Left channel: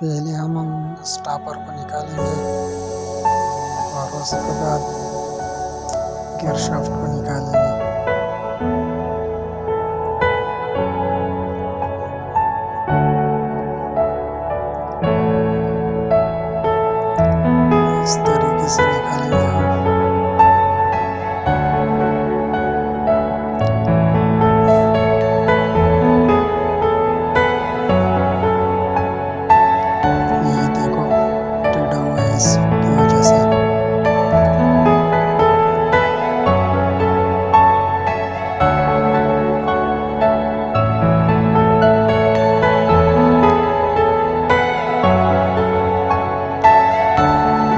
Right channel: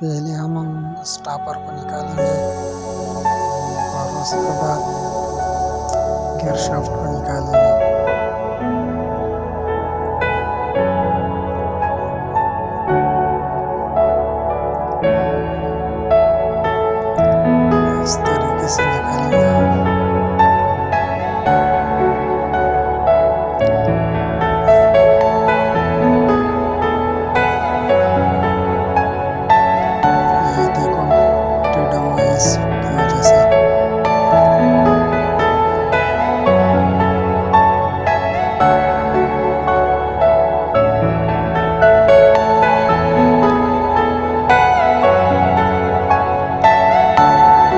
पहले हम स्टॉपर को निकालेंगे और उसके बाद गियर शाफ्ट को निकालेंगे। इस तरीके से निकालेंगे हम। ये देखो टेढ़ा हुआ है इसकी वजह से।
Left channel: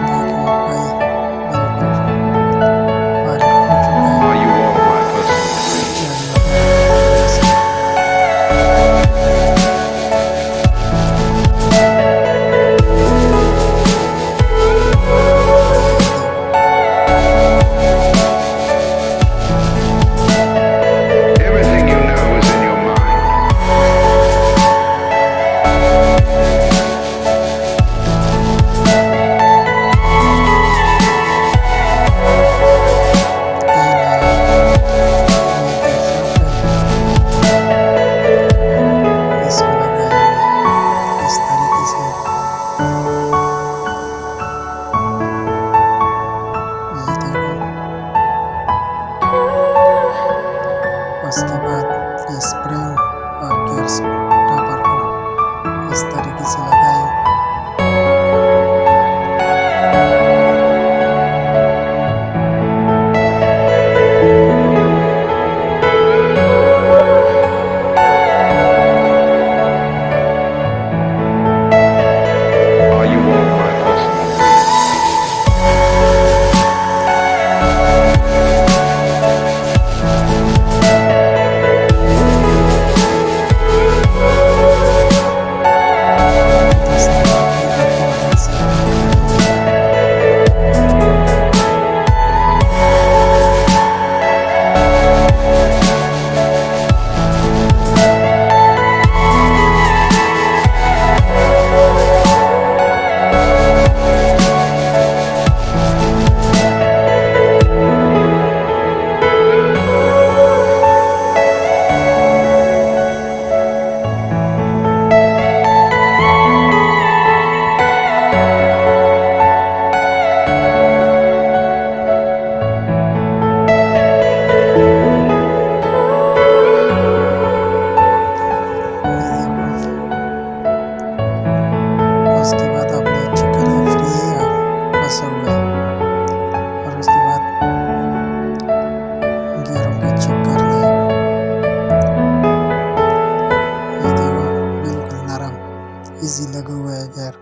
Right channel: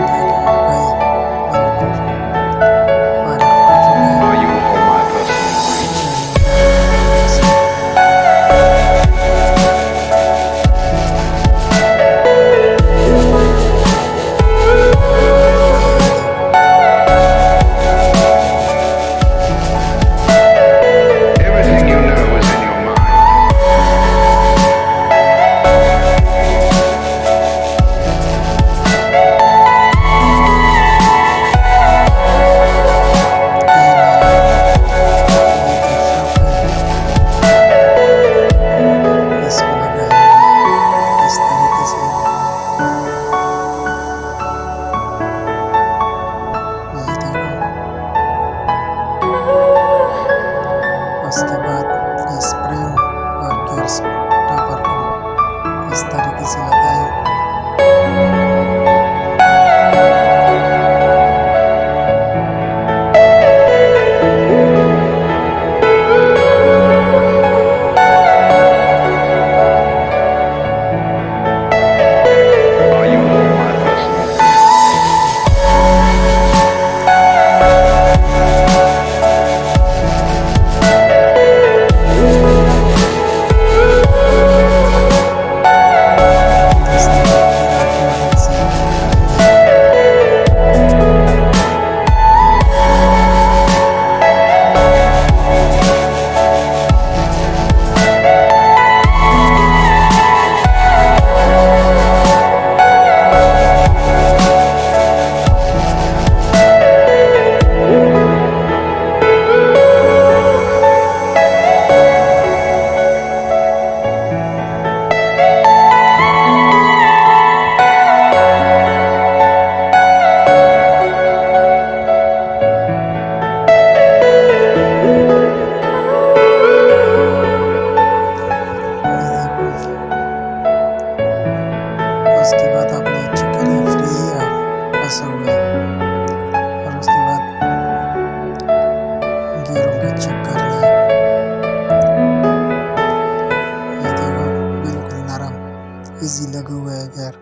देखिए भाई बिल्कुल फारिग हो चुका है। Are you all my personal dream? जाली वगैरह निकालने से। Everything you know is in your mind. इसको लगाएंगे इस तरीके से। ये देखो, उसके बाद ये स्प्रिंग और गियर स्टॉपर को इस तरीके से लगाएं। Are you all my personal dream? दस नंबर की रॉड की मदद से करेंगे। ये देखो, उसके बाद आपने चेक करें फ्री है या फंसा हुआ है, और उसके बाद गियरों के चेक करना है। ये देखो बिल्कुल नरम इजी लगा हुआ है गियर।